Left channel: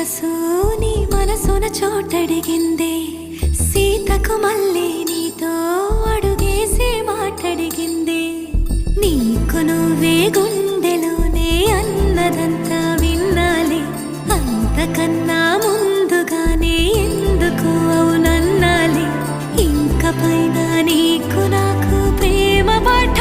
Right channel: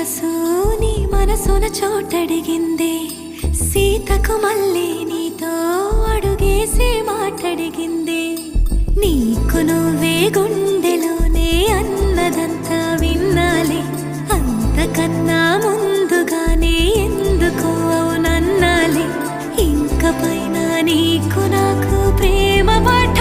మనసు నీ మనసున చోటడిగిందే, సీతకు మళ్ళీ నీతో అడుగేసి మాటడిగిందే. నీకు నువ్వే గుండెలోనే అన్నదంతా విన్నాలే, అంతకన్నా ముందుగానే ఎందుకు అవునన్నాలే. ఇంక పైన నీకు నాకు ప్రేమ పాఠ